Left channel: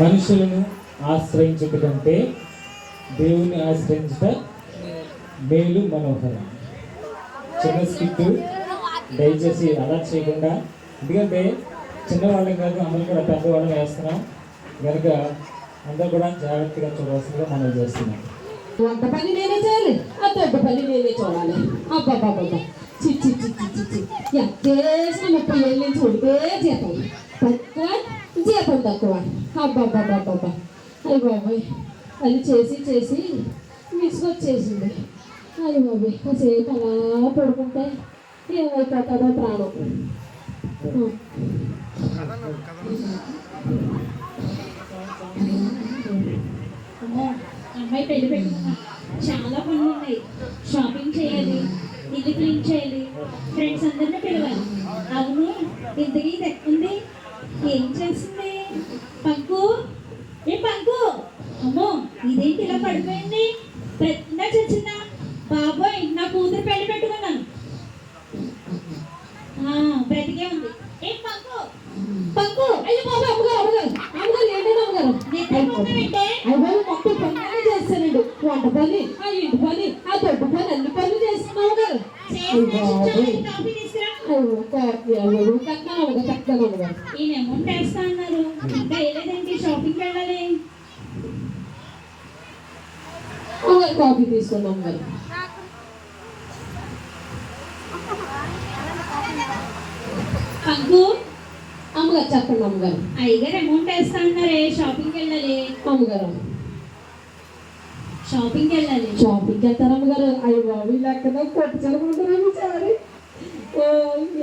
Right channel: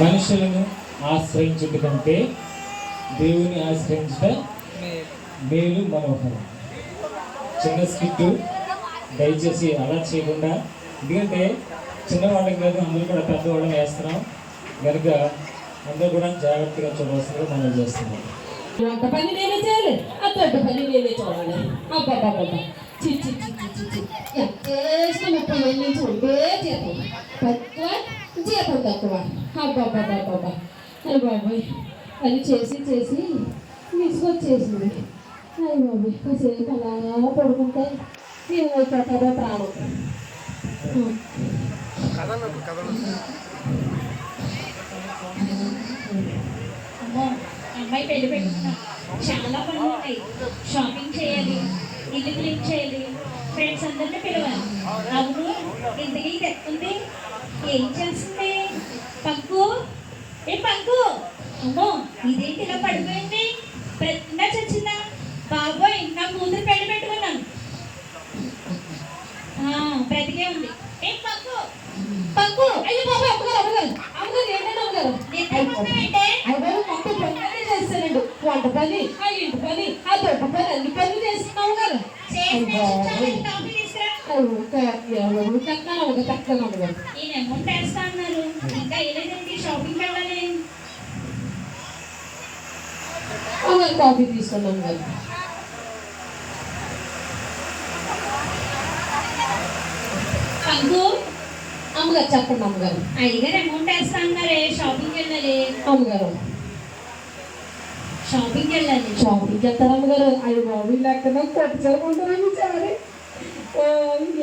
మనుషులను ఆశ్రయించుట కంటే దేవుని ఆశ్రయించుట మేలు మనోహరం. చిన్న స్కిట్ దయచేసి అలా చేయకుండా ఎందుకంటే చిన్నవాళ్ళకి కాదు అందరూ కూడా పెద్దవాళ్ళకి వేస్తున్నాం. కనుక అందరూ కూడా జాగ్రత్తగా చూడవలసిందిగా మనం చేస్తున్నాం. అంత పని నేనే చేయాలి ఆ పెద్ద పని నేనే చూడాలి. అబ్బాబ్బాబ్బా చిచ్చి చిచ్చి చిచ్చి ఎంత చేసిన ముప్పై ఏళ్ళ నుంచి ఉంటే జీతం తక్కువ జీతం తక్కువ అబ్బాబ్బాబ్బా అయ్యి బాబాయ్ అది చేసి చేసి విసుగొచ్చేసింది. అయ్యి బాబాయ్ కాసేపు అలా పడుకుంటే ఏమైపోతుందో ప్రాణం. అమ్మాయి పెళ్ళి పెట్టుకున్నాం. చాలా పనులు ఉన్నాయి షాపింగ్ చేయాలి ఇల్లు క్లీన్ చేయాలి. ఫ్రెండ్స్ అందరిని పిలవాలి. అవును ఇంతకీ ఇది ఎక్కుంది ఏం చేస్తుంది పంకు? ఏ పంకు? అమ్మో ఇదేంటి ఇలా పడిపోయింది ప్రతినా చచ్చిందా బాబోయ్ నా కూతురు పెళ్ళి పెట్టుకున్నాను ఆ, బ్రతికే ఉంది ఏ పంకు పంకు అయ్యో బాబాయ్ అమ్మగారు అమ్మగారు అమ్మగారు ఏంటంటే అమ్మగారు నిద్రపోతున్నావంటే అయ్యో మొత్తం పనులన్నీ చేస్తానండి వంట పని ఆ ఇంటి పని ఆ దొడ్డు పని అన్ని పనులు చేస్తున్నావు గారు చేసి కాఫీ తీసుకురా ఎవరు తక్కువ అమ్మగారు తక్కువ అమ్మగారు ఈయన అమౌంట్ వేస్తా అన్నారు ఇంకా వెళ్ళేదండి షాపింగ్కి వెళ్ళాలి అమ్మగారు కాఫీ తీసుకోండి అమ్మగారు పంకు అమ్మగారు చెప్పండి అమ్మగారు. అయ్యగారు అమౌంట్ వేస్తా అన్నారే షాపింగ్కి వెళ్ళాలి. అమ్మగారు. షాపింగ్కి వెళ్ళాలి. షాపింగ్కి వెళ్తారు అమ్మగారు? అయ్యి బాబు లేకుండా కొట్టు చీర కొంటారు సారి.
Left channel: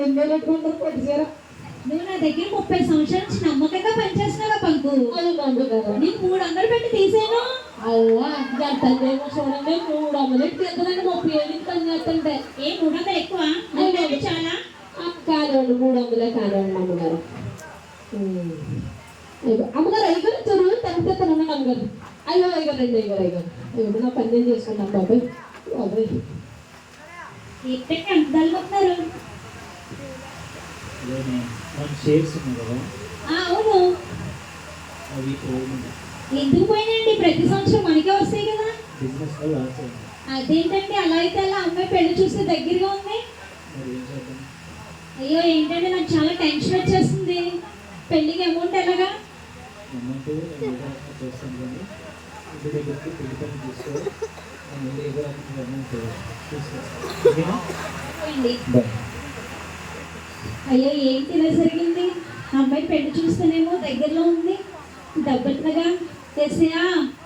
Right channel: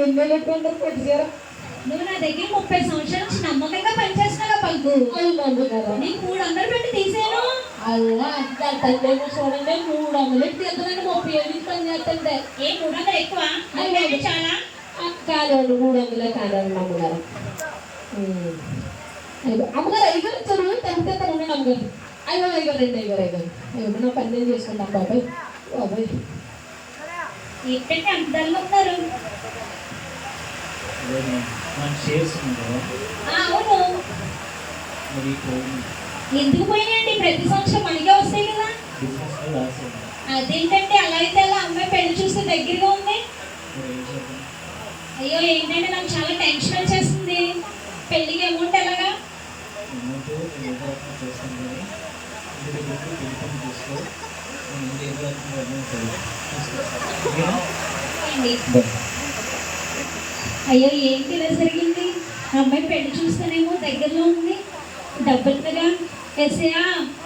ఎన్ని పెట్టుకుంటారు కొట్టు చీర నువ్వు నా దగ్గర ముప్పై సంవత్సరాల నుంచి నమ్మకంగా పనిచేస్తున్నావు పంకు నీకు మూడు వందలు పెట్టి తీసేను చూడండి మూడు వందలు తీద్దామని ముప్పై ఏడు పని చేస్తుంటే. ఏ మూడు వందలు ఎక్కువ చాలా? కాదండి మూడు వందలే కాదండి అమ్మగారు. అమ్మగారు అయ్యగారు చెరువు తగ్గితే తనండి అమ్మగారు? అయ్యో అయ్యగారు అండి అయ్యగారు అయ్యగారు అయ్యో. నా పని నేను చేసుకుంటాను బాబాయ్. బాబాయ్. ఎక్కడికి అంత మనం కదా. అవును. ఎందుకు పోయినాయండి? ప్రతి సంవత్సరం మనకే వస్తాయి కదా. అదేంటంటే అలా అయితే అలా అమ్మాయి పెళ్ళి చూస్తే దగ్గరగా ఉంది. అయ్యో ఏంటంటే నాకు చాలా టెన్షన్ వచ్చేస్తుంది పెళ్ళికి అమౌంట్ ఎలాగా? అయ్యో ఏంటి ఇలా జరిగింది? అమ్మాయి పెళ్ళి చూస్తేనేమో దగ్గరలో ఉంది. డబ్బులుగా ఎసయా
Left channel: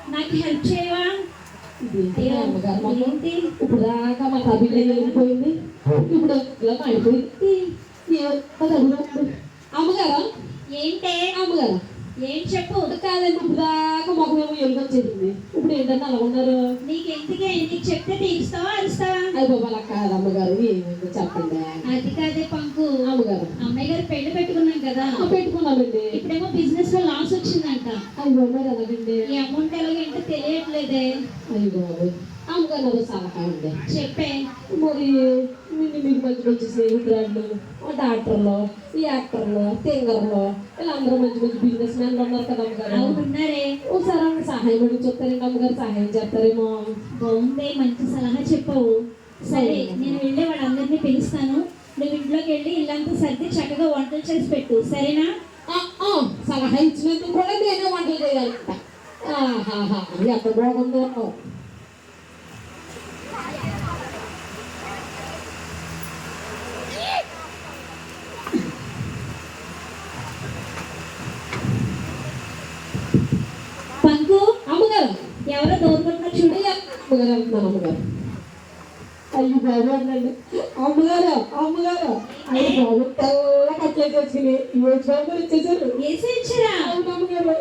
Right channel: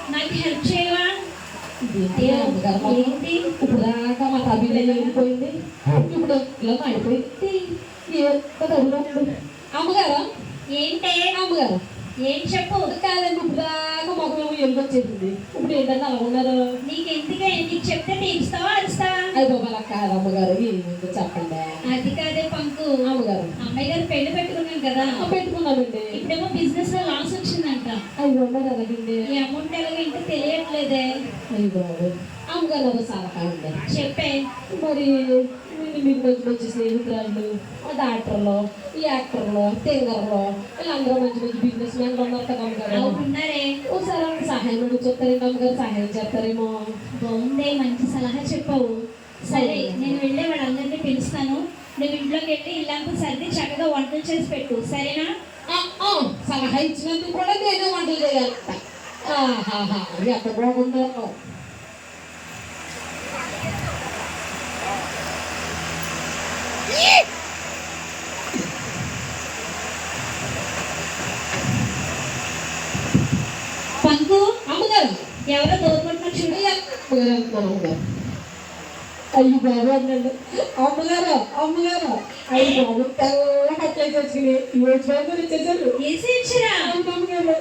నాకు హెల్ప్ చేయవా? ఏంటి? ఇప్పుడు దాకా మా తబిలో వెళ్ళిపోయింది. ఇప్పుడు ఇలా పడిపోయింది. ఏ అడుగుతుంది అమ్మగారు ఏంటే అమ్మగారు ఏం చెప్పు కాదండి ఇప్పుడు దాకా మాకు మేము ఎలుగొచ్చేసింది ఇప్పుడు ఏంటంటే అలా ఉన్నారు నీకెందుకే నీకు చెప్తే తీరుస్తావా అరుస్తావా అయ్యి బాబా అలా కాదు అమ్మగారు ఏమైందో చెప్పండి అది కాదే పంకు అమ్మగారు అమ్మాయి గారు పెళ్ళి పెట్టుకున్నాం కదా ఆ, పెట్టుకున్నామండి ఇప్పుడేమో బిజినెస్లో లాస్ వచ్చిందంట అయ్యో మరి ఎలాగండి ఈ అమౌంట్ ఎలాగంటే తెలియట్లేదే అయ్యి బాబు అమ్మగారు నాకు సలహా అండి చెప్పే మరి మీరు మీరు మంచి మంచి స్నేహితురాళ్ళు ఆ డాక్టర్లు ఈ యాక్టర్లు సింగర్లు వీళ్ళందరూ మంచి మంచి బిజినెస్ మ్యాన్లు ఉన్నారు కదా అమ్మగారు అవును ఉన్నారే ఒకసారి ఆమెకు సహాయం అడుగు చెప్తారేమో అమ్మగారు సహాయం చేస్తారేమో బాగుందే మంచి సలహా చెప్పావు సరే నేను వెళ్ళి వాళ్ళందరినీ పిలుస్తాను నువ్వు ఇంట్లోకి వెళ్ళి ఇల్లంతా సర్ది చక్కగా వంటలు చేసి పెట్టు. సరేనా? సలహా ఇచ్చినందుకు కూడా నేనే వంటలు చేయాలి. ఎంత బాగుందో పంకు? అమ్మగారు. ఎవరో దూరకుంటున్నారు చూడు. అమ్మగారు అమ్మగారు. అయ్యి అన్నాడు అమ్మగారు అమ్మగారు. అయ్యి బాబు తెల్ల కట్లయితే వచ్చినాయి ఈ బాబు వచ్చేసారు. ఏసీ వచ్చారా అమ్మగారు.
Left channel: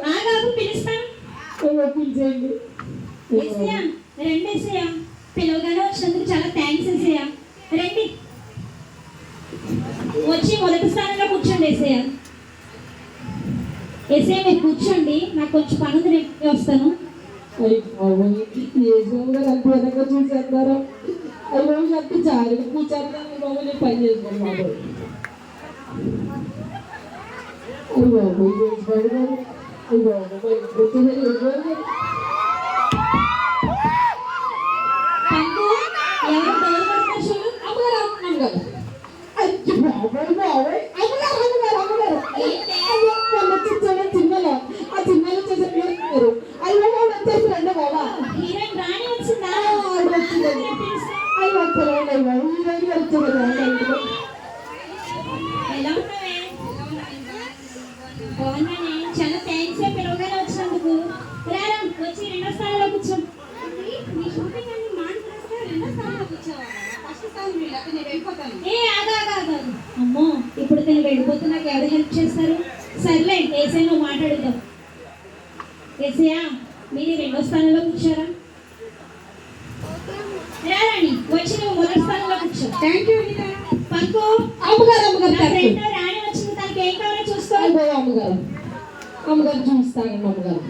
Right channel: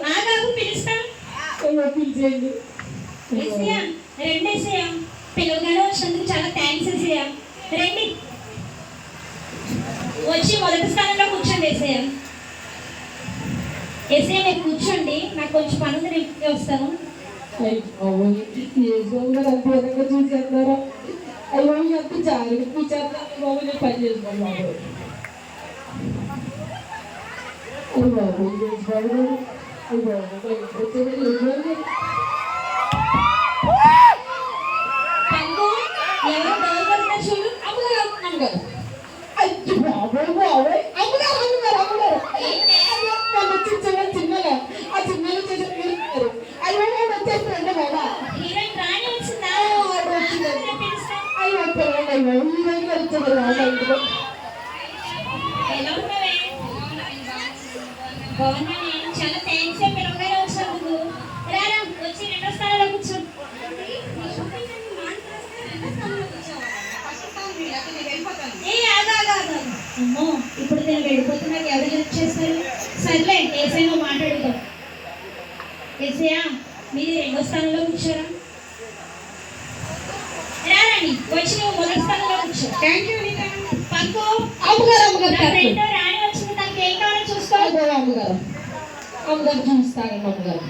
పిలిచేయండి పిలవగానే వచ్చినందుకు చాలా థ్యాంక్స్ రండి. వచ్చి మొదటి స్థానంలో కూర్చోండి మీరు కూర్చోండి. నాకు కొంచెం పని ఉంది నేను వస్తాను. అయ్యి బాబు ఏ గారు అంత విధంగా చూసేస్తున్నారు అయ్యో ఎంత జాగ్రత్త కూర్చేస్తున్నారు బాబు నేను పని చేసుకోండి బాబు అయ్యి బాబు ఈ రోజు బాబు గారు అయ్యో బాబోయ్, వచ్చేసరికి ఇబ్బంది. పంకు ఎవరు డోర్ కొడుతున్నారు చూడు అమ్మగారు అమ్మగారు అయ్యో బాబోయ్ బాబోయ్ అమ్మగారు అమ్మగారు అమ్మగారు అయ్యో మొన్న చిన్న చిన్నలో ఆ చిన్నలో చేసిన తీరుతున్నారు అయ్యో వాళ్ళు వచ్చేసి రండి బాబా హీరోయిన్ రాణి వచ్చిందా ఆ, ఆవిడ వచ్చింది. ఆమెనే పిలుస్తాం. అయ్యో పిల్లలు అయ్యో ఈ రోజు వచ్చారు బాబా ఇంటిలో ఎలా ఉన్నావే బాగున్నానే చాలా థ్యాంక్స్ పిలవగానే వచ్చినందుకు రారా వచ్చి రెండో స్థానంలో కూర్చో ఏ ఆగా ఆగా ఆగా అమ్మో ఇప్పుడు నేను వెళ్ళిపోతే నాకు ఎవరు హెల్ప్ చేస్తారు సర్లే ఏసై నువ్వు మాట్లాడుతాం ఏసయా మీరు రెండో స్థానంలో కూర్చోరా రారాణి వచ్చి నువ్వు మొదటి స్థానంలో కూర్చో థ్యాంక్ యూ పంకు అమ్మగారు అమ్మగారు నా కరెక్ట్. ఫ్రెండ్ రాణి వచ్చింది తనకి ఏం కావాలో చూసుకో అయ్యో అమ్మగారు అమ్మగారు జ్యూస్ తాగండి అమ్మగారు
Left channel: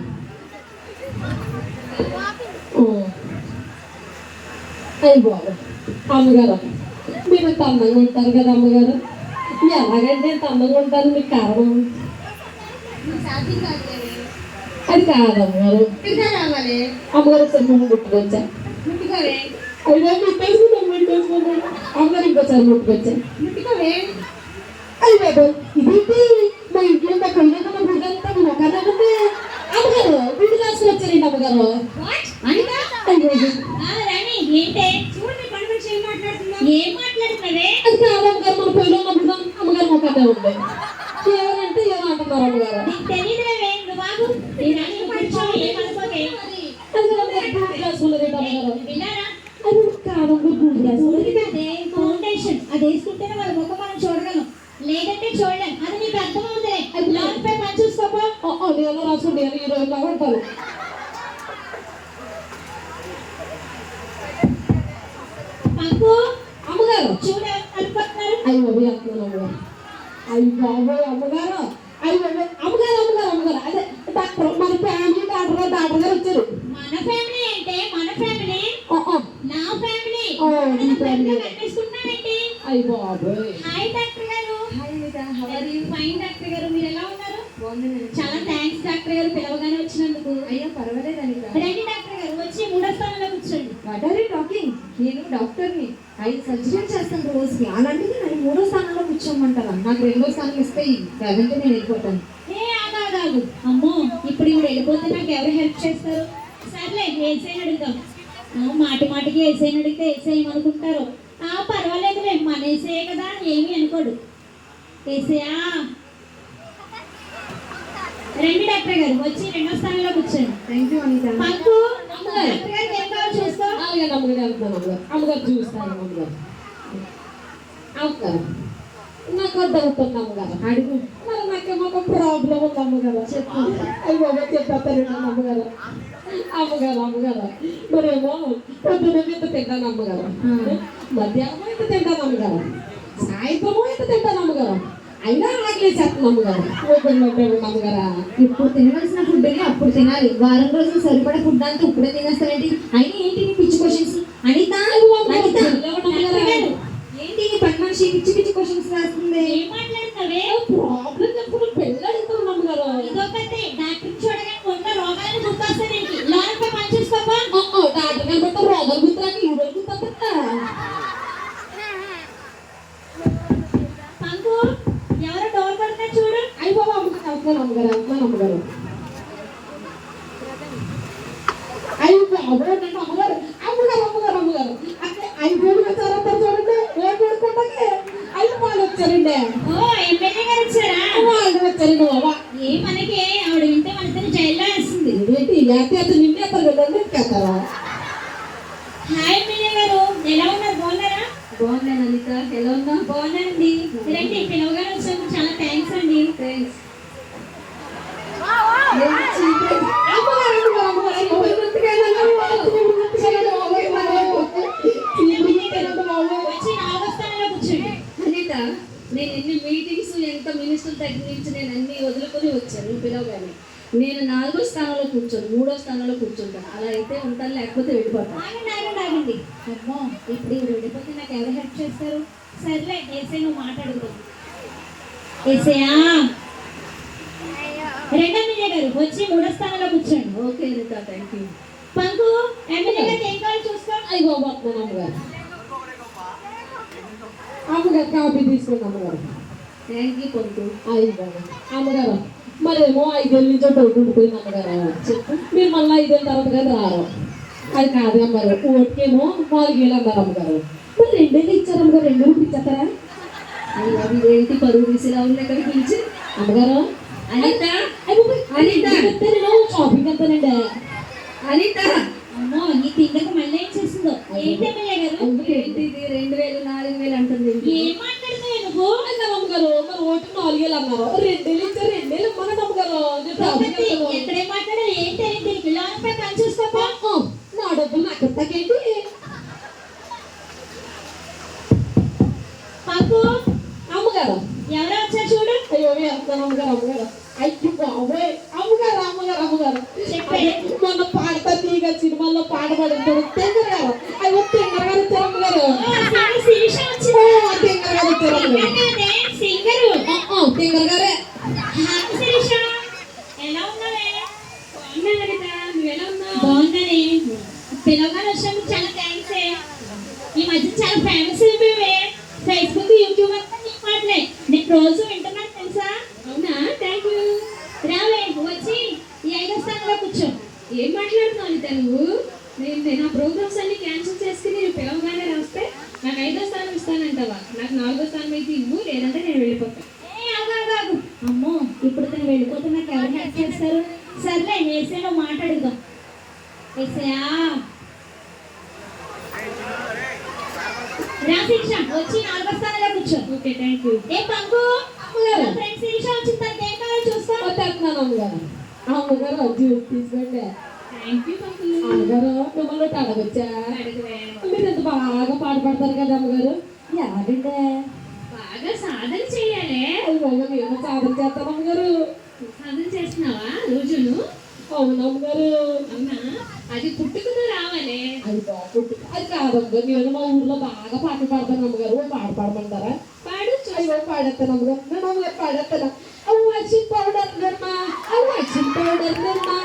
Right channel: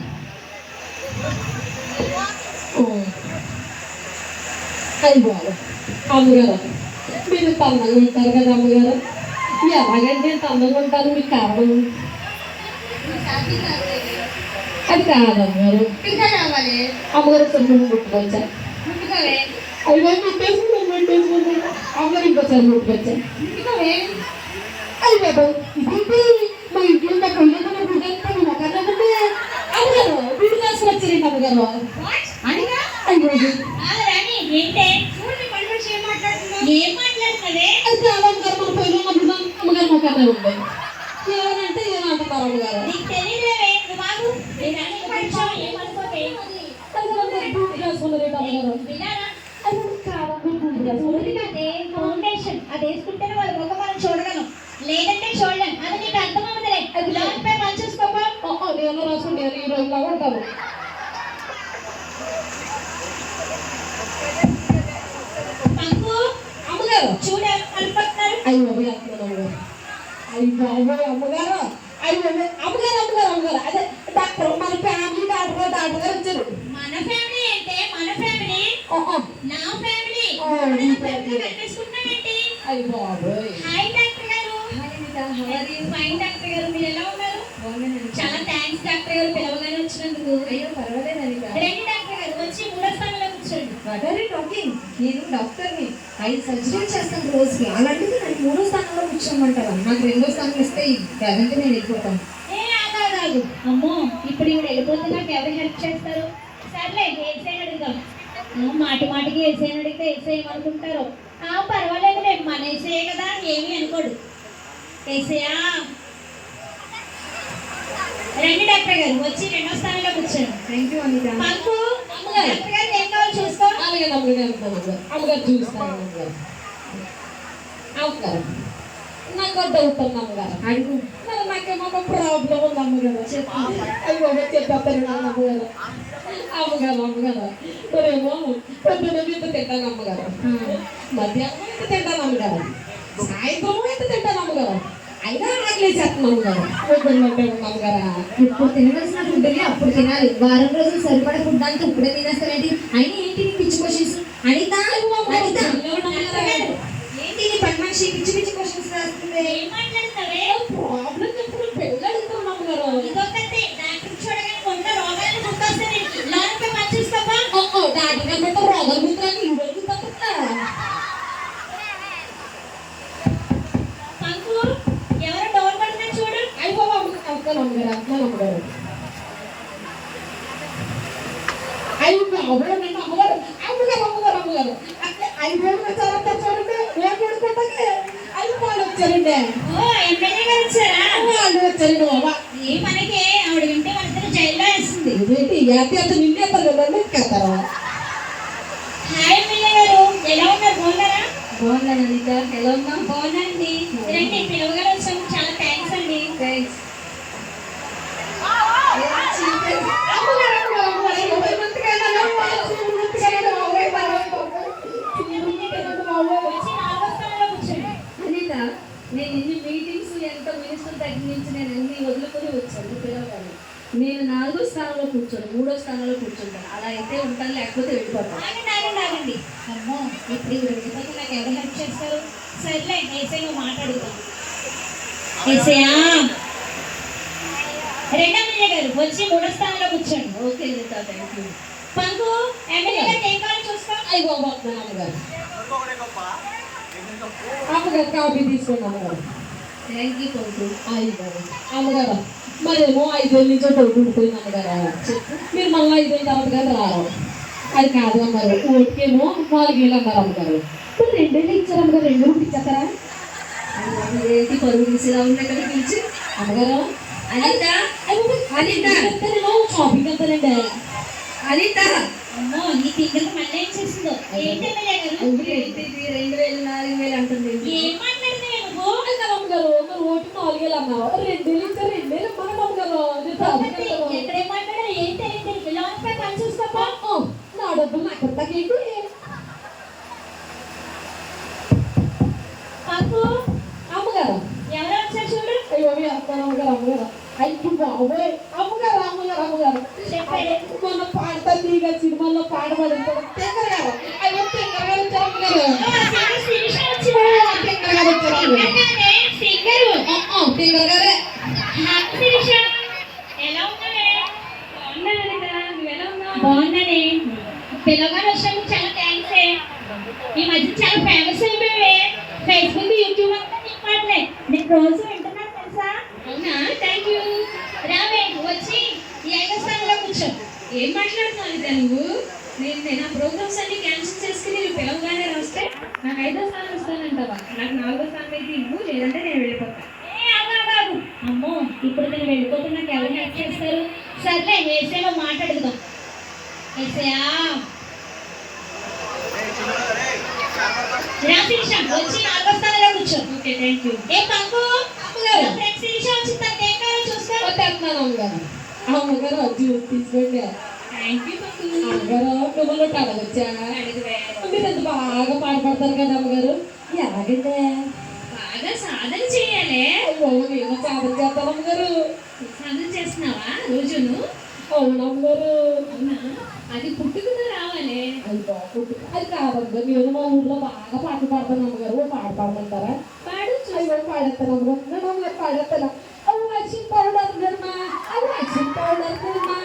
ఓ. అయ్యో అమ్మగారు మీరు ఇంత అందంగా ఉంటారు కదా అమ్మగారు ఎలాగంటే ఇంత అందంగా ఉంటాను మీకు కారణం అది కాదు అమ్మగారు అమ్మగారు కొంచెం ముట్టుకొచ్చా అయ్యో ముట్టేసుకున్నాను ముట్టేసుకున్నాను అమ్మగారు ఇంకోసారి ముట్టుకొచ్చా అయ్య బాబు ఇదేంటి మా ఇంట్లో మా కళ్ళతో బిడ్డంతా మీ మొక్కన అమ్మగారు బిడ్డ చేసుకుని వచ్చారండి అమ్మగారు ఏం మాట్లాడుతున్నావే అది కాదు అమ్మగారు మన అమ్మగారు ఉంది ఏమనంటే ఏమో అంటున్నారు అమ్మగారు? నీకు తెలియదేవే నువ్వు బాగు నీ రాణి కూర్చో ఏమనుకోకే ఫౌండేషన్? అది వేసుకుంటేనే వాళ్ళ ముఖం మనం చూడగలం. లేదంటే చూడలేం. అది నీకు అర్థం అవుతుంది అది లోన్ పై పని చూసుకోపో. అది ఎలా రాసుండే ఈ రోజులో ఉంటాను? పంకు అమ్మగారు. చూడ అనుకుంటున్నారు అయ్యి అమ్మగారు అయ్యి బాబోయ్ అమ్మగారు. అయ్యి అమ్మగారు అమ్మగారు అమ్మగారు. అదే డాక్టర్ మన ఫ్యామిలీ డాక్టర్ గారు డాక్టర్ గారు వచ్చారు. మన ఫ్యామిలీ అంటే మన ఫ్యామిలీ. నా ఫ్యామిలీ అయ్యి బాబోయ్. Hi doctor garu. Fine doctor garu. మీరు ఎలా ఉన్నారు? చాలా థ్యాంక్స్ డాక్టర్ గారు. పిలవగానే వచ్చినందుకు. అయ్యో పర్వాలేదు రండి డాక్టర్ గారు. వచ్చి మూడో స్థానంలో కూర్చోండి. వాట్ ఆర్ యూ టాకింగ్ నేను డాక్టర్ని. ఐదు సర్జరీలు చేస్తాను రోజుకి. అలాంటిది నన్ను మూడో స్థానంలో కూర్చోమంటారా. నాకు రెండో స్థానం ఇస్తే లేదంటే నేను వెళ్ళిపోతాను ఏ ఆగాగాగు అమ్మో ఇప్పుడు ఇప్పుడు వెళ్ళిపోతే నాకు ఎవరు హెల్ప్ చేస్తారు? సర్లే ఏసైని అడుగుదాం. ఆ, మాటి మాటికి ఏసైని అడిగితే ఏసై ఏమనుకుంటారు? ఆ పర్వాలేదులే మన ఏసే కదా ఏమీ అనుకోడు. ఏసయా? రండి డాక్టర్ గారు. వచ్చి రెండో స్థానంలో కూర్చోండి. Thank you Anitha. Panku doctor గారు అలాగే అమ్మగారు అంటున్నాను అమ్మగారు. అమ్మగారు చూస్తాను అమ్మగారు. అమ్మగారు నాకు డౌట్ ఉంది అమ్మగారు. అడుగు. మరి నాకేమో ప్రాబ్లం ఉంది అమ్మగారు. చెప్పు. అయ్యి బాబా చెప్పేస్తారు అమ్మగారు. అమ్మగారు అమ్మగారు. మరేమో పొద్దున ఇంత తింటాను అమ్మగారు. మధ్యాహ్నం ఇంత తింటాను అమ్మగారు. సాయంత్రం ఇంత తింటాను అమ్మగారు. అయినా ఆకలి చేస్తాను అమ్మగారు. అమ్మగారా. ఇప్పుడు తినవలసిన ఫుడ్ని అప్పుడు తినాలి. వారం రోజులు సరిపడా ఫుడ్ అంతా ఇప్పుడే తినేస్తావేంటి అయినా ఏంటి నీ పిచ్చి క్వశ్చన్స్ అనిత అనిత ఏంటి నీ పక్క మనిషి పిచ్చి పిచ్చి క్వశ్చన్స్ రాస్తుంది ఏం మాట్లాడుతున్నావే ప్రాబ్లం చెప్తున్నా పెళ్ళి అడుగుతున్నాను అమ్మగారు ఇదొకతే డాక్టర్ చూడగానే కొంత రోగాలను గుర్తొస్తాయి నీకు లోన్ పై పని చూసుకోపా డాక్టర్ గారు పెట్ట రోగం గుర్తురాకి ఈ రోజు గుర్తొస్తా పంకు ఎవరు డోర్ కొడుతున్నా చూడు అయ్యి బాబా అమ్మగారు అమ్మగారు అంటున్నాను అమ్మగారు అయ్యి బాబు నేను అమ్మగారు అమ్మగారు అమ్మగారు అమ్మగారు ఐదు వేలు వచ్చారంట చూడండి ఏం చేసుకుంటాకే ఐదు వాళ్ళు వచ్చారండి ఓ ఎమ్మెల్యే గారు వచ్చారా వాళ్ళు వచ్చారండి బాబా ఏ మనకి ఆవిడ వింటే మన ఇద్దరు జైల్లో వేస్తుంది ఇదేంటి యాతి అతను నిన్నే అతను రెండు ఎక్కేస్తారా హాయ్ ఎమ్మెల్యే గారు ఎలా ఉన్నారు? బాగున్నారా? బాగున్నాను అనిత. ఎలా ఉన్నావు? బాగున్నానండి. రండి పిలవగానే వచ్చినందుకు చాలా థ్యాంక్స్ అండి. థ్యాంక్స్ నేను ఎన్ని మీటింగ్స్ ఎంత మినిస్టర్ దగ్గర నుంచి నేను అన్ని వదులుకొని వచ్చాను. పిలవగానే. నేను నాలుగో స్థానంలో కూర్చోను మూడో స్థానంలో కూర్చుంటాను. అలా అయితే ఉంటాను లేకపోతే వెళ్ళిపోతాను. ఆగండి ఆగండి ఆగండి. అమ్మో ఇప్పుడు వెళ్ళిపోతే నాకు ఎవరు హెల్ప్ చేస్తారు? సర్లే ఏసై నువ్వు మాట్లాడుగుతాం ఏసయా రెండో ఎమ్మెల్యే గారు వచ్చి మూడో స్థానంలో కూర్చోండి. Okay Anitha thank you Panku MLA గారికి ఏం కావాలో చూసుకో? అయ్యి బాబు వస్తున్నాను అమ్మగారు అమ్మగారు కాఫీ తీసుకోండి అమ్మగారు. Thank you Panku. అయ్యి బాబు అమ్మగారు. మరేమో ఐదేళ్ళ నుంచి డౌట్ ఉండిపోయింది అమ్మగారు చెప్పు మీరు మళ్ళీ ఐదేళ్ళ తర్వాత కానీ రారు. అది కాదు అమ్మారు ఓటుకేమో నాలుగేళ్ళు అన్నారు అమ్మగారు. మరి రెండేళ్ళు ఇచ్చారు అమ్మగారు రెండు అది అది ఏంటి పరువు తీసేలా ఉంది అక్కడ పిలిచి? అమ్మగారు అనిత అనిత. చెప్తాను షాపింగ్ వెళ్తానండి అనిత. అమ్మో నీ తింగకి మళ్ళీ ఏం చేసిందో ఏంటి ఎమ్మెల్యే గారు? ఏంటి ఇది రెండు వేలు నాలుగు వేలు అంటుంది. ఏంటి? కాదు అమ్మగారు మరి ఓటుకు నాలుగేళ్ళు అన్నారు రెండేళ్ళు ఇచ్చారు రెండేళ్ళు ఒకటి, వెళ్తాను. ఎక్కడే మాట్లాడారు ఏం తెలియదు లోనపై పని చూసుకోపా? నా డబ్బులు నాకు ఇస్తాకేంటి పంకు అమ్మగారు. ఎవరో వచ్చారు చూడు. అయ్యో వెళ్తాను అమ్మగారు అమ్మగారు. అయ్యి బాబోయ్. అమ్మగారు అమ్మగారు అమ్మగారు. చెప్పండి. మొన్న పాడతారు నీగా సినిమాలో పాడబడుతాడు టెంకర్ గారు వచ్చారు అమ్మగారు సింగరు ఆ, ఆ, టెంకర్ గారే హాయ్ శిరీష ఎలా ఉన్నావే నువ్వెలా ఉన్నావు బాగున్నానే పిల్లగాడు వచ్చినందుకు చాలా థ్యాంక్స్ ఈ మధ్య చాలా ఫేమస్ అయిపోయావే ఫేస్బుక్ యూట్యూబ్ అంతా నీ మాటలే నేను రోజు వింటున్నాను తెలుసా అవునా థ్యాంక్ యూ రావే వచ్చి ఈ ఐదో స్థానంలో కూర్చో ఏం మాట్లాడుతున్నావు అనిత నువ్వు నేను నేను ఆ ప్రోగ్రామ్స్ అన్ని క్యాన్సిల్ చేసుకుని నువ్వు పిలవగానే రాస్తే నాకు ఐదో స్థానం ఇస్తానంటావా నాకు లేదంటే నేను వెళ్ళిపోతాను. అమ్మో ఇప్పుడు తను వెళ్ళిపోతే నాకు ఎవరు హెల్ప్ చేస్తారు? సర్లే ఏసేలో మాట్లాడుదాం ఏసయా రా శిరీష వచ్చి నాలుగో స్థానంలో కూర్చో. ఓకే థ్యాంక్ యూ ఏ పంకు? అమ్మగారు. ఫ్రెండ్ శిరీష వచ్చి తనకి ఏం కావాలో చూసుకో వచ్చేస్తున్నాను అమ్మగారు. అమ్మగారు జ్యూస్ తీసుకోండి. Thank you Panku. అమ్మగారు మిమ్మల్ని ఒకటి అడగొచ్చా అడుగువే. మీరు ఎంత బాగా పాట పాడతారు కదా అమ్మగారు? ఎలాగంటే బాగా సాధన చేయాలి. నేను సాధన చేస్తాను అమ్మగారు. సాధన చేస్తున్నావా రోజును? అవును అమ్మగారు అవునా? అది పుట్టుకున్న రావాలి. అది బాగుంటుంది అది కాదమ్మగారు నేను మా ఊర్లో బాగా పాటలు పాడతాను అమ్మగారు. పాట పాడమంటారా? పాడు అయ్యో పాడేస్తాను అమ్మగారు. అమ్మగారు పాడేస్తాను. అవ్వ పౌడర్ నిర్మా అవ్వ పౌడర్ నిర్మా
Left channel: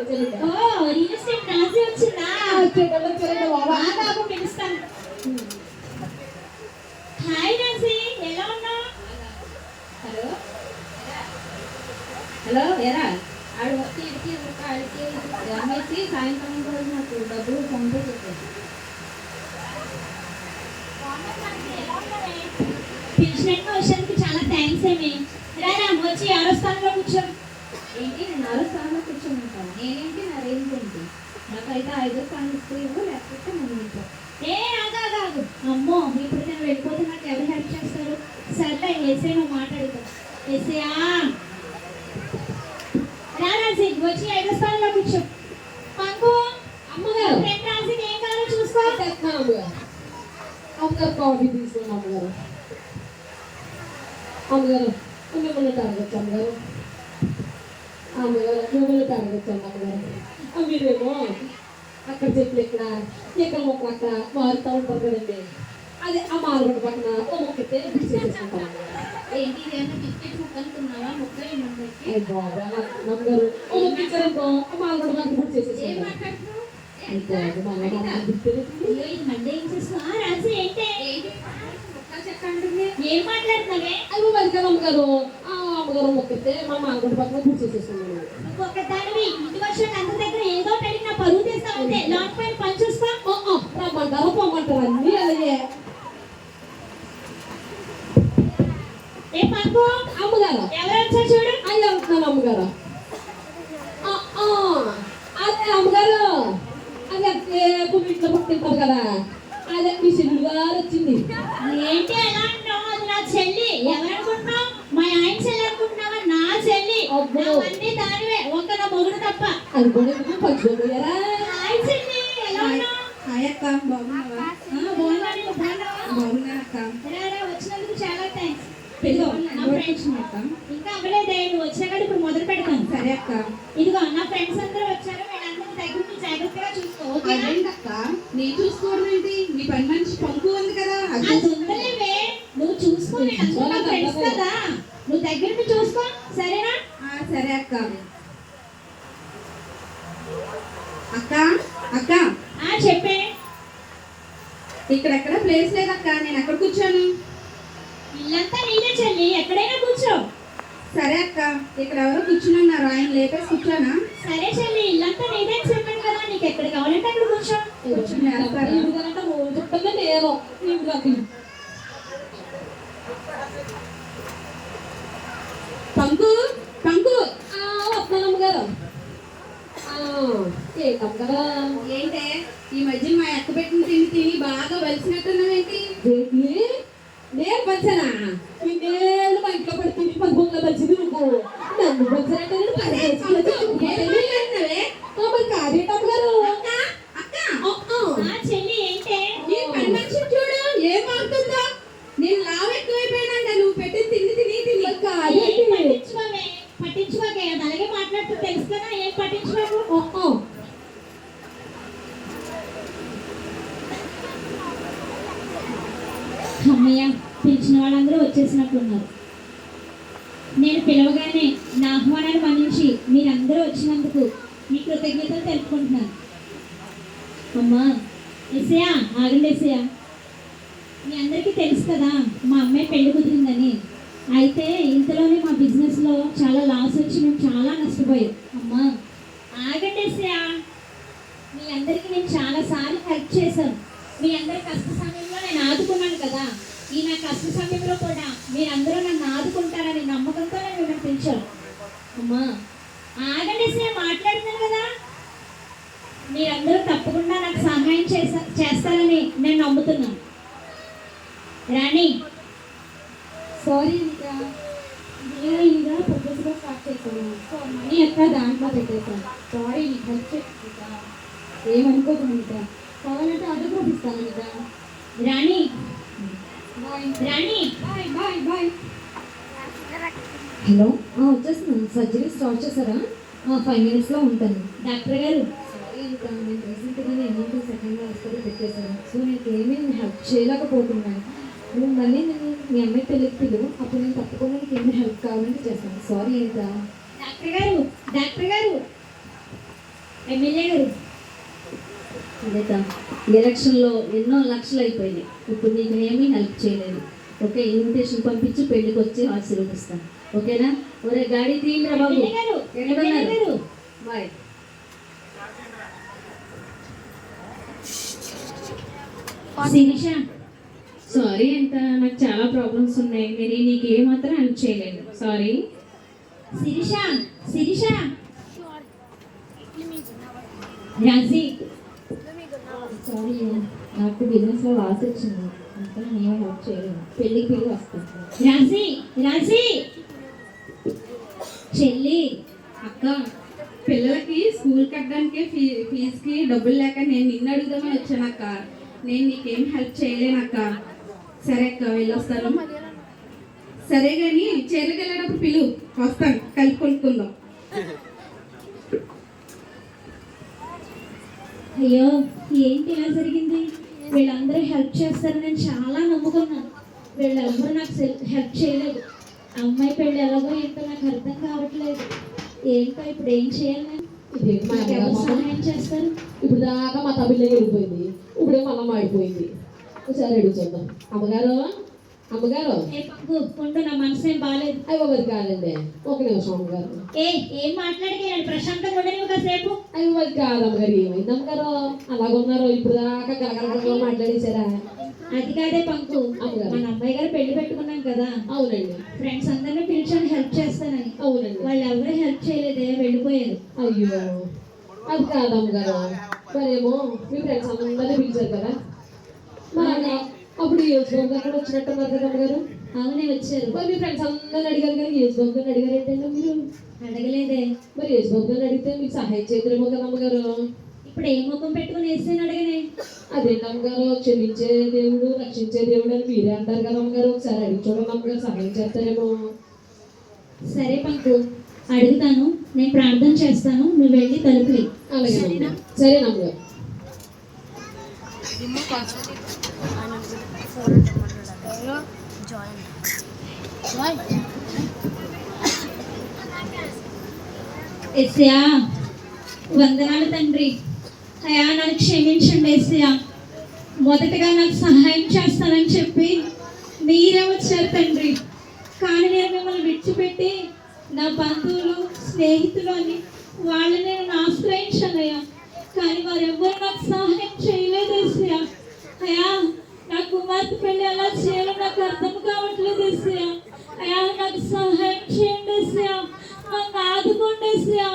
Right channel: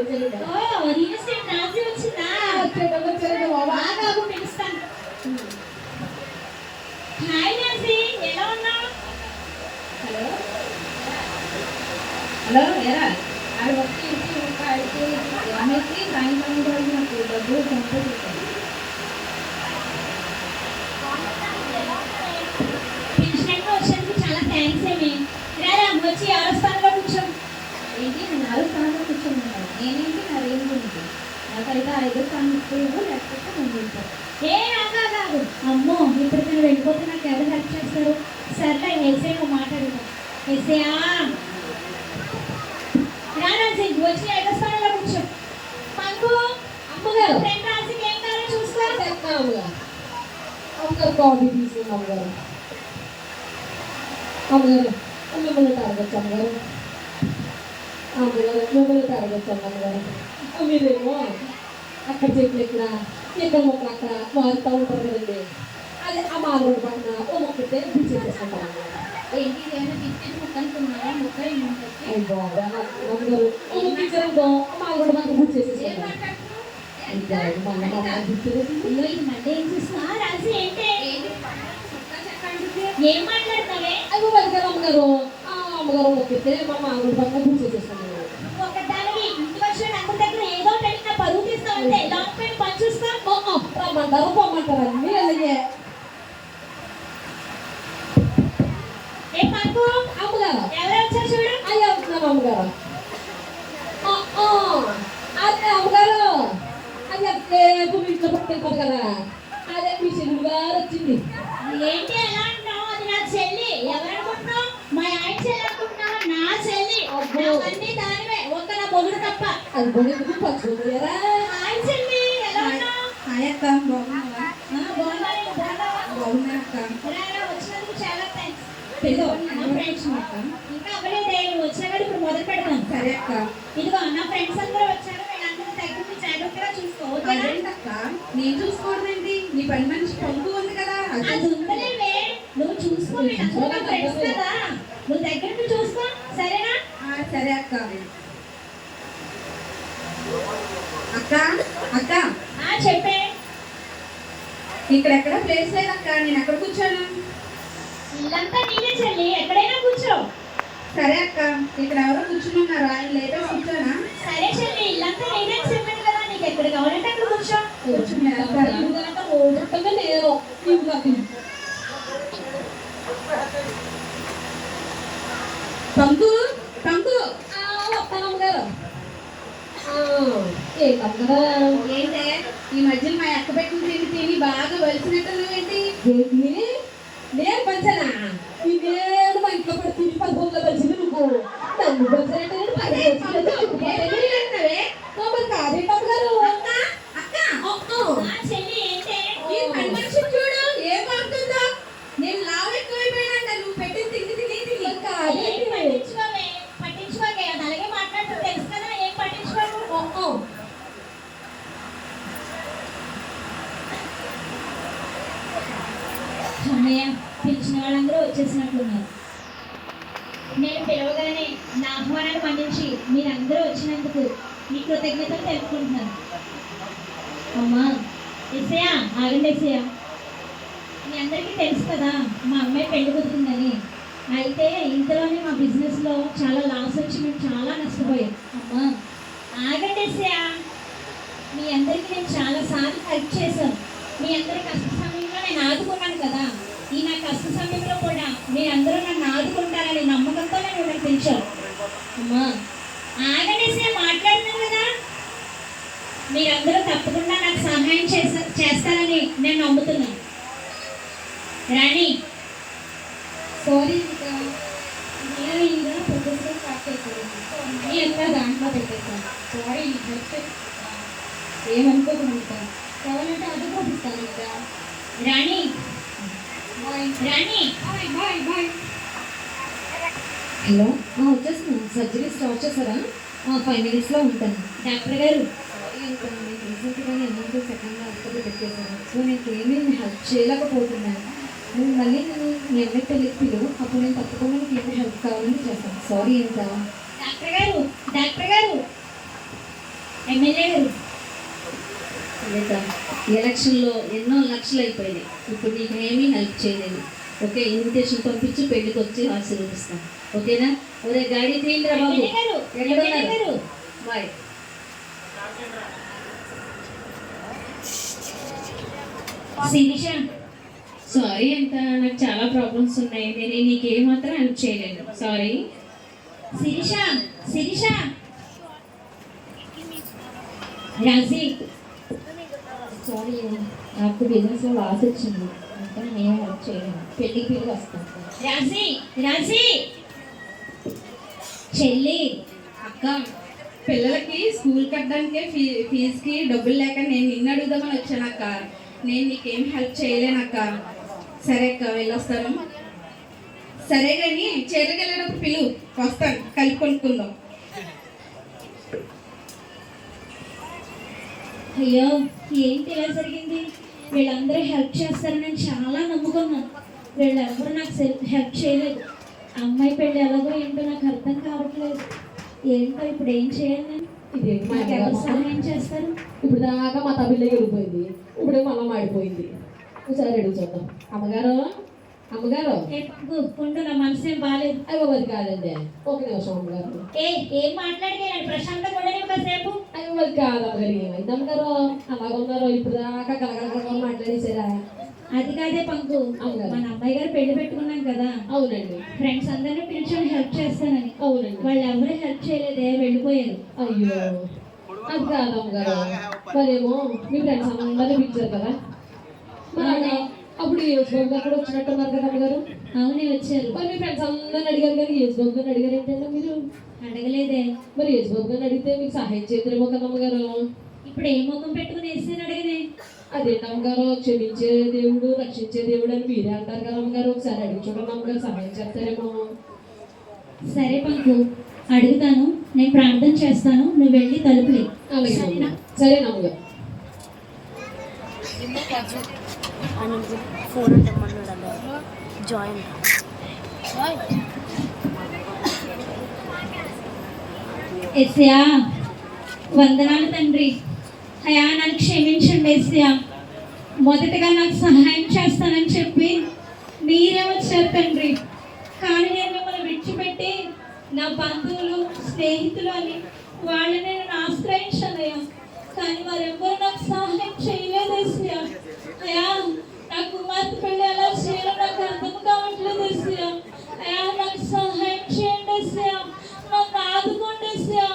Oh, haría కాఫీ తీసుకుని అమ్మగారు అమ్మగారు మిమ్మల్ని అడగచ్చు అమ్మగారు అమ్మగారు మిమ్మల్ని అడగచ్చు అమ్మగారు ఆ, మీరేమో అక్కడ చెట్లు ఇక్కడ ఇక్కడ మొక్కలు అక్కడ మారుతూ ఉంటారు కదండి అదే ఆ మారుగొడ్డ పక్కన ఓ మొక్క ఇస్తే బిల్ చేసేసుకుంటాను అమ్మగారు ఏంటి ఏమైనా పిచ్చి ముక్క అనుకున్నావా ముక్క ఏముంటుంది అయ్యి బాబా అమ్మగారు ఓ మొక్క ఇచ్చారనుకో ఆ మారుగొడ్డ పక్కన బిల్ ఏం చేసేసుకుంటాను మాట్లాడుతున్నావు అయ్యి బాబు మా అమ్మ మా బిల్ చేసేసి అయ్యో ఇది మండే ఏం మాట్లాడుతున్నావే? అవి వదిలి అమ్మగారు. అమ్మగారు మొక్కితే మా మామిడి పక్కన బుక్ చేసేసుకున్నాను ఒకదానివి ఇంటికి వచ్చిన అందరి దగ్గర ఏదో ఒకటి నా పరువు పైన పని రమ్మంటారు పొమ్మంటారు అన్నీ అలాగే ఏ పంకు అమ్మగారు ఎవరు వచ్చారు చూడు అయ్యి వెళ్తున్నాను అమ్మగారు ఆ, ఆ, ఇంట్లో పట్టుకుంటారు కదా అదే మీ చెల్లెలు గారు వచ్చింది ఏంటి ఎలా అంటావు అది నా చెల్లి ఎవరనుకుంటున్నావు మా ఆయన చెల్లి అనుకుంటున్నావా నా చెల్లి అబ్బో. అన్నీ దానివే ఒక్క నా మొగుడు తప్ప అది కూడా ఎందుకు పంచుకోపోయారా హాయ్ చెల్లి ఎలా ఉన్నావు హాయ్ అక్క బాగున్నావా ఆ, బాగున్నాను నువ్వు బాగున్నావా బాగున్నాను అక్క రా, రా, వచ్చినందుకు చాలా థ్యాంక్స్ పెళ్ళి నా ఫ్రెండ్స్ అక్క ఇంకా అవ్వలేదే నువ్వు వచ్చినా కానీ ఇప్పుడు మొదలు పెడతాను సరే అక్క ఇదిగో నా ఫ్రెండ్స్ అందరూ వచ్చారు వీళ్ళందరూ దగ్గర నుంచి జాగ్రత్తగా చూసుకో ఓకేనా అదేంటక్క నేను చూసుకోవడం ఏంటి? నీ పని మనిషి పంపు ఉంది కదా అది ఉందలేవే నువ్వు చూసుకో ఫ్రెండ్స్ కదా. నువ్వు దగ్గర నుంచి చూసుకో. సరేనా? ఆ, సరే అక్క. అక్క అక్క. ఆ చెప్పే. ఇక్కడెక్కడ ప్లేస్ లేదక్క? నేను ఎక్కడ కూర్చోను? ఇల్లంతా నీదే చెల్లి. ఎక్కడైనా కూర్చో. సరే అక్క. ఇక్కడ ఎవరో కూర్చుని ఉన్నారు. ఆయన లేపేసి కూర్చోనా? సరే చెల్లి ఇల్లంతా నీదే చెప్పాను కదా. నీకు ఎక్కడ కావాలంటే అక్కడ కూర్చో కూర్చుని వేస్తారు. ఇంట్లోకి ఆ, వస్తానమ్మ గారు ఆ, ఏంటే ఈ మధ్యన మా ఎక్క పెట్టిన తిని తిని బాగా వలిసినట్టున్నావేంటి ఏంటి నేను పంచనా నేను మా ఇంట్లో పెట్టి తిని పదకొండులో నువ్వు నన్ను పంచినట్టు నేను పని చేసుకుంటే చుట్టుపక్కల ఏంటన్నావే? మరి కాదేటమ్మ గారు అక్క అక్క ఆ, ఆ. ఆ చెల్లి ఏంటే ఈ పని మనిషి చూడు ఏం అవుతుందో నేను లావు ఎక్కువైపోయానంట నువ్వు పెట్టిన తిండి తిని తిని మరి కాదేంటి? ఏం పట్టించుకోవే పట్టించుకోకే అది అలాగే మాట్లాడుతూ తెలుసు కదా ఏం పట్టించుకోకు ఆ, ఆ. అన్నయ్య పిలిచిన వాళ్ళందరూ వచ్చేసినట్టున్నారు నేను పిలవగానే నా ఆహ్వానాన్ని మన్నించి మీరందరూ వచ్చినందుకు మీ కృతజ్ఞతలు తెలుపుకుంటున్నాను. అమ్మా ఎసయా ఆగండి ఎసయా మీ అందరికీ తెలుసు కదా మా అమ్మాయి పెళ్ళి కుదిరిందని. అయితే ఇంతలోనే మా బిజినెస్లో చాలా లాస్ వచ్చి మేము చాలా నష్టపోయాం. అమ్మా ఆగండి ఎసయా మీ అందరికీ నేను చాలాసార్లు హెల్ప్ చేశాను మీ అందరి కష్ట సమయంలో నేను ఆదుకున్నాను కదా. ఈ నా కష్ట సమయంలో కూడా మీరందరూ నన్ను ఆదుకుంటారని నమ్మకంతో నేను పిలిచాను అమ్మా ఆగండి సార్ మాట్లాడుతున్నాను కదా? మీరందరూ తప్పకుండా నాకు సహాయం చేసా చేస్తారని నేను నమ్ముతున్నాను. రాణి సారీ ఇంకా ఇంకా స్టార్ట్ సో మనీ ఎక్క దాంట్లో పెట్టేశాను. సారీ హెల్ప్ ఏమనుకోకుండా కావాలంటే అది కూడా ఇస్తాను ఇంకా Rani bye Rani bye bye bye hello? వచ్చేస్తున్నాను సర్జరీ స్టార్ట్ చేశారా? ఫైవ్ మినిట్స్లో ఉంటాను. డాక్టర్ గారు. సారీ ఇంకా నేను రీసెంట్గానే ఎమర్జెన్సీ సెకండ్ హాస్పిటల్ పెట్టేశాను. సో నేను ఏమీ హెల్ప్ చేయలేకపోతున్నాను. నువ్వు మళ్ళీ నేను మీ అమ్మాయి పెళ్ళికి పిలువు. అప్పుడు నేను తప్పకుండా నీకు ఏమైనా హెల్ప్ కావాలంటే చేస్తాను. సారీ ఇంకా డాక్టర్ గారు డాక్టర్ గారు. ఎమ్మెల్యే గారు. ఎలక్షన్లో ఎన్నో లక్షలు అయిపోయినాయి. ఇప్పుడు నీకు ఏమీ హెల్ప్ చేయలేదు. ఓకే ఇన్విటేషన్ పంపించి పెళ్ళికి వచ్చి ఆశీర్వదిస్తాను ఓకేనా? ఒరే గాడి తీయండిరా బాబు. ఎక్కడున్నారు? బాయ్. సారీ అంత నాకు చాలా ప్రాబ్లమ్స్ ఉన్నాయి. నేను నీకు ఏమాత్రం హెల్ప్ చేయలేను. సారీ. శిరీష శిరీష. రాజీ సారీ నాకు బిజినెస్లో లాస్ వచ్చింది అంటే నేను హెల్ప్ చేయలేను. పెళ్ళికి పిల్లలు వస్తాను. రాజీ రాజీ చెల్లి అక్క. పిల్లలకి స్కూల్ కట్టడానికే ఫీ ఫీజుకి డబ్బులు లేక నేను నిన్ను అడుగుదామని వచ్చాను అక్క. నేను నీకేం హెల్ప్ చేయలేనక్క సరే అక్క వెళ్ళొస్తాను. సరే కానీ చీరలకు వెళ్ళేటప్పుడు పిలువు వస్తాను. కలిపి కొనుక్కుందాం. అయ్యో ఏంటి ఇలా జరిగింది? వీళ్ళందరూ హెల్ప్ చేస్తారని నేను చాలా నమ్ముకున్నాను. వీళ్ళెవ్వరూ నాకు హెల్ప్ చేయలేదు. అమ్మాయి పెళ్ళి ఎలాగో ఏంటో నాకు అర్థం కావట్లేదు. ఏంటో ఇప్పుడు ఏం చేయాలి? ఎవరు? సహాయం చేస్తారు? ఇప్పుడు దాకా మా తమిళ వెళ్ళిపోయింది. ఇప్పుడే మళ్ళా మాడిపోయింది ఒకసారి అడుగు చూద్దాం. అమ్మగారు? అమ్మగారు? ఉండు నా మనసు ఏం బాగాలేదు అయ్యో మరి కాదండి. ఒక నిమిషం అమ్మగారు. ఏ ఏం మాట్లాడితే ప్రశాంతంగా ఉండని ఒకసేపు. అయ్యో మరి కాదు అమ్మగారు ఏమైంది అమ్మగారు? అలాగున్నారో ఇప్పుడు దాకా కలకలకల మాట్లాడేశారా? అది కాదే పంకు. మన అమ్మాయి గారు పెళ్ళి పెట్టుకున్నాం కదా. అవునండి. ఫ్రెండ్స్ అందరినీ పిలిచాను హెల్ప్ చేస్తానని. అవునండి. వాళ్ళు ఎవరు హెల్ప్ చేయలేదే వెళ్ళిపోయారు. అయ్యో. అది కాదు అమ్మగారు మరేమో మీ ఫ్రెండ్స్ అందరినీ పిలిచారు కదా. మరి అప్పుడు యేసు బాబు అక్కడ వచ్చినట్టున్నారు కదా అమ్మగారు? అవునే వచ్చారు. మరి మీ ఫ్రెండ్స్ అందరిని అడిగారు కానీ యేసు బాబు గారిని అడిగారు ఏంటంటే మీరు? అడగలేదే. మరి యేసు బాబు గారిని అడిగితే మీకు సహాయం చేద్దరేమో కదా అమ్మగారు? ఇప్పుడు ఏ ముఖం పెట్టుకుని వేసాను అడిగినే? అదేంటి అమ్మగారు? క్షమించే దేవుడు రక్షించే దేవుడు అని మీరే అంటారు కదా అమ్మగారు? ఒకసారి అడిగి చూడండి అమ్మగారు సహాయం చేస్తారేమో. సరే పంకు అడుగుతాను. నేను ప్రార్థన చేస్తాను. నువ్వు వెళ్ళి తలుపులే. అలాగే. అమ్మగారు. సరేనా అమ్మగారు జాయిన్ ఎస్యా వందనాలు తండ్రి. అయా నన్ను క్షమించండి ఎస్యా మొదటగా నాకు సహాయం చేస్తానని చెప్పి మీరే వచ్చారు తండ్రి. కానీ నేను మిమ్మల్ని విడిచిపెట్టి నా బంధువులు స్నేహితులు అని వాళ్ళని నేను ఆశ్రయించానయ్యా. కానీ వారెవ్వరు నాకు సహాయం చేయలేదు ఎస్యా అయ్యా కుమార్తె పెళ్ళి ఎలా చేయాలో నాకు అర్థం కావట్లేదు ఎస్యా అయ్యా నాకు సహాయం చేయండి ఎస్యా నన్ను ఆదుకోండి ఎస్యా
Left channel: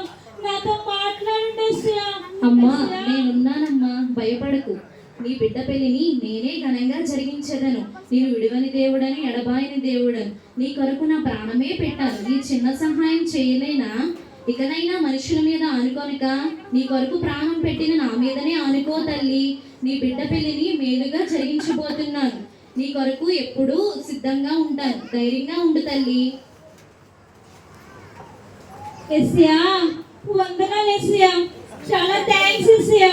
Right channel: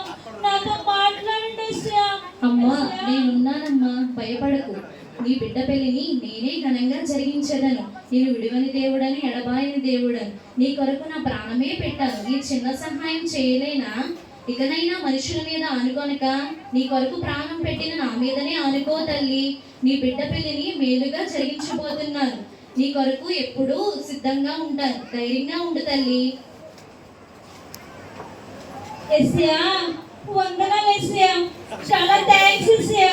నాతో మాట్లాడండి ఎస్యా అమ్మా నేనున్నానమ్మా. భయపడకు. నీ బిడ్డ పెళ్ళిని నేనే ఘనంగా జరిగించేదను. నేను విడివని దేవుడని ఎడబాయని దేవుడని. నీ కొరకు నా ప్రాణమే పెట్టాను. ఈ చిన్న సహాయం చేయలేనా? ఇకనైనా మనుషుల మీద ఆనుకొనక నీ కొరకు ప్రాణం పెట్టిన నా మీదనే ఆనుకో తల్లి. నీ బిడ్డ పెళ్ళిని మేలుగా జరిగించబోతున్నాను. నీ కొరకు ఎప్పుడూ సిద్ధంగా ఉంటాను. ధైర్యంగా ఉండు తల్లి. ఎస్యా వందనాలు ఎస్యా చాలా థ్యాంక్స్ ఎస్యా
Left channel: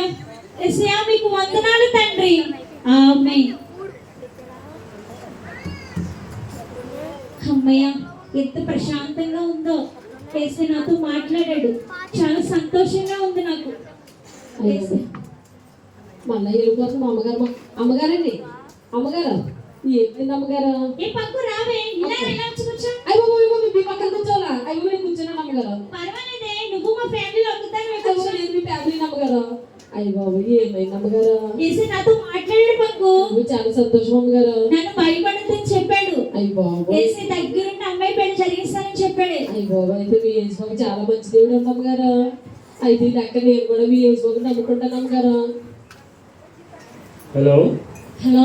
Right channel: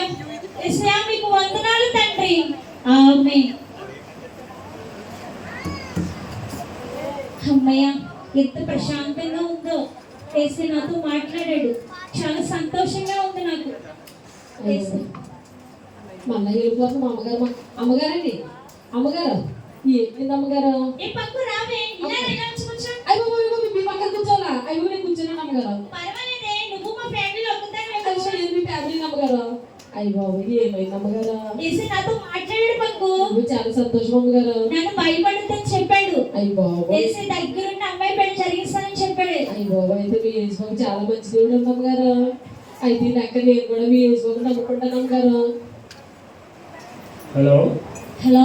ఎస్యా మీకు వందనాలు తండ్రి. ఆమె అమ్మయ్య ఎంత ప్రశాంతంగా ఉందో. ఎస్య నాతో మాట్లాడాడు. చాలా సంతోషంగా ఉంది నాకు. ఎస్ మళ్ళీ వెళ్ళిపోతుంది మా అమ్మగారు అమ్మగారండి? అమ్మగారు ఏంటి అమ్మగారు? ఏ పక్కు రావే ఇలా ఇలా కూర్చో. అయ్యో అయ్యో మీ పక్కన కూర్చోవాలా? అయ్యో నేను కూర్చున్నాను అమ్మగారు. పర్వాలేదే నువ్వు మా ఫ్యామిలీలో ఒక్కదానివే అయ్యో కూర్చో. నేను మీ ఫ్యామిలీ అమ్మగారు? అయ్యో బాబు ఏమైంది అమ్మగారు? ఎస్య నాతో మాట్లాడాడు అయ్యో, చాలా సంతోషం అమ్మగారు. నన్ను భయపడద్దని చెప్పాడు. అయ్యి బాబు వేసి దగ్గరుండి అమ్మాయి పెళ్ళి జరిగిస్తానని చెప్పాడు. అయ్యి బాబు అయితే మీ బాబు చాలా మంచి దేవుడు అమ్మగారు. అయితే ఈ లెక్క నేను కూడా మీ బాబు నమ్ముకుంటాను అమ్మగారు. హలో హలో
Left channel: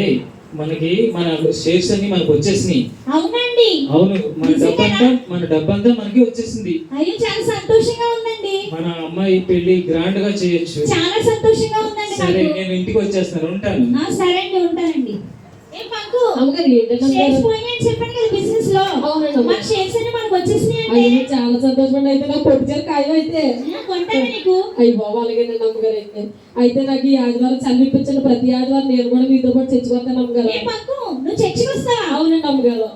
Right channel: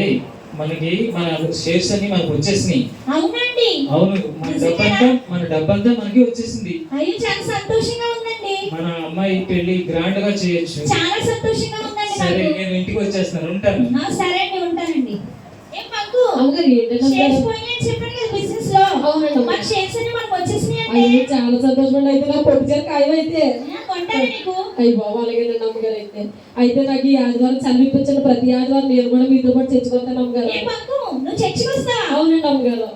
ఏయ్ మనకి మన షేర్స్ అన్ని మనకు వచ్చేసినాయి. అవునండి. అవును మన డబ్బంతా మన డబ్బంతా మనకి వచ్చేసింది. అయ్యో చాలా సంతోషంగా ఉందండి. మన అమ్మాయి పెళ్ళి గ్రాండ్గా చేయొచ్చు. చాలా సంతోషంగా ఉందండి సరే నేను ఇంటికి వచ్చేస్తాను ఉంటాను. సరే అండి ఉంటానండి. బిజినెస్లో మన షేర్స్ అన్ని మనకు వచ్చేసినాయండి అయ్యో చాలా సంతోషం అయితే నాకు పొట్టిచారు ఖాయం అయితే ఆ, కొంటాను నీకు అయ్యి బాబు అలాగేనండి అమ్మగారు అయితే అయితే నాకు ఈ ఆదివారం చదివిపించండి ప్రతి ఆదివారం నేను కూడా మీతో పాటు చచ్చిపోతాను అమ్మగారు నువ్వు చర్చికి వస్తావా అవునండి అమ్మగారు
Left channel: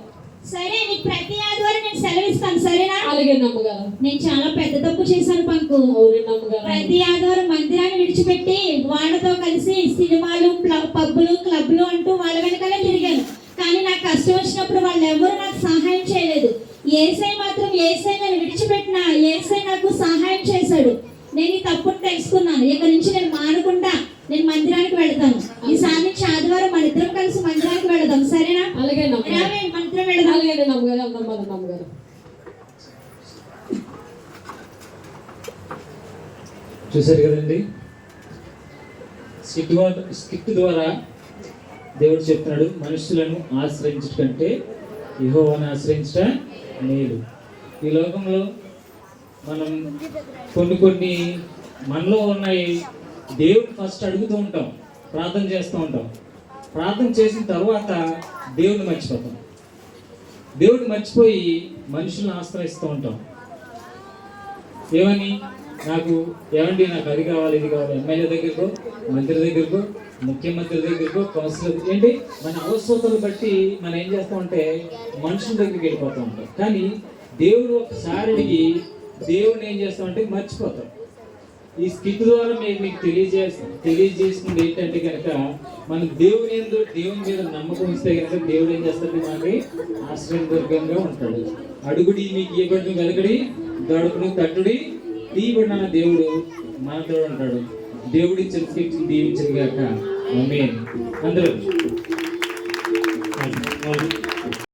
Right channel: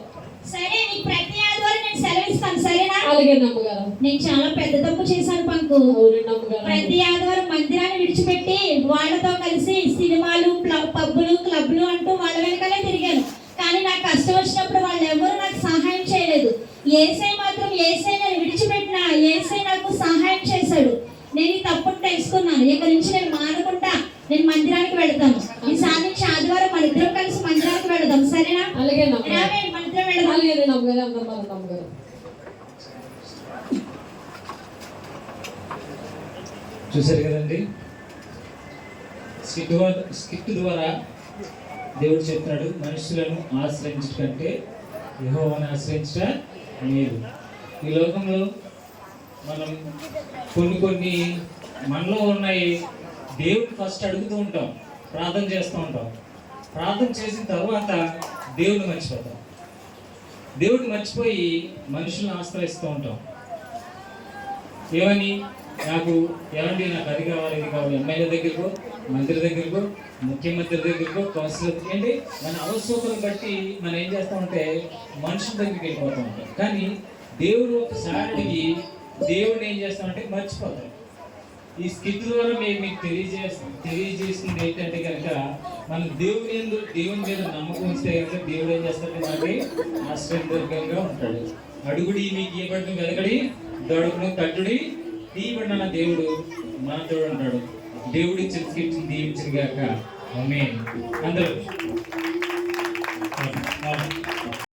సరే నీకు ప్రతి ఆదివారం నేను సెలవు ఇస్తాను సరేనా అలాగేనండి అమ్మగారు నేను చాలా పెద్ద తప్పు చేశాను పంకు అవునండి అమ్మగారు ప్రతి ఆదివారం మందిరాన్ని విడిచిపెట్టి వాళ్ళతో కలిసి సినిమాలు పబ్బులు క్లబ్లు అంటూ వాళ్ళ వెనకాలే తిరిగాను కానీ నాకు కష్టం వచ్చినప్పుడు వాళ్ళు ఎవరు నాకు సహాయం చేయలేదు ఏసై మాత్రం ఏసై నేను విడిచిపెట్టిన ఏసై నాకు సహాయం చేశాడు నేను ఈ తప్పును తెలుసుకున్నాను ఇక నుంచి నేను మానుకుంటా నేను మందిరానికి వెళ్తాను ఈసారి నుంచి ఆదివారం మన ఇద్దరం కలిసి మందిరానికి వెళ్దాం సరేనా అలాగేనండి అమ్మగారు రావే, మన ఇద్దరం వెళ్దాం అలాగేనండి అమ్మగారు వెళ్దాం పదండి అమ్మగారు చూశారు కదండి స్కిట్ ద్వారా స్కిట్ ద్వారా దేవుడు చెప్తున్నాడు మనుషులను ఆశ్రయించడం కంటే ఆశ్రయించడం లేదు ఈ లోకంలో మనం కొన్ని కొన్ని మనలో ఉన్నాయి. దేవుడు ఫస్ట్ అడుగుతూ ఉంటాం ప్రార్థన చేస్తూ ఉంటాం. ప్రార్థన చేసిన తర్వాత దేవుడిని మర్చిపోతాం. దేవుడిని మర్చిపోయి మనుషులను ఆశ్రయిస్తూ ఉంటాం. ఏమని? నాకు ఏమండి నాకు అది కావాలి ఇది కావాలి. ఎమ్మెల్యే దగ్గరకో మంత్రి దగ్గరకో ముఖ్యమంత్రి దగ్గరకో కౌన్సిలర్ ఏంటి? మన అవసరతలు బట్టి మనం ఏం చేస్తామంటే మనుషుల దగ్గరికి వెళ్ళిపోతూ ఉంటాం. కానీ దేవుడు ఒకసారి అడిగి దేవుడిని ఏం చేస్తామంటే మర్చిపోతాం ఈ స్థితి ద్వారా మేము మీకు తెలియజేస్తాం తెలియజేస్తుంది ఏంటంటే కనుక మన దేవుని ఎందు దేవుని మీద నమ్మకం ఇస్తే కనుక దేవుడు ఏం చేస్తాడు మనకి ఆశ్రయదుర్గంగా ఉంటాడు. అడుగుడి మీకు ఇవ్వబడిన వెలకడి దొడకుడు తట్టుడి తీయబడిన దేవుడు మనతో ఉంటాడు. దేవుడి చెతికి దీవించగాక ఆమేన్. అందరూ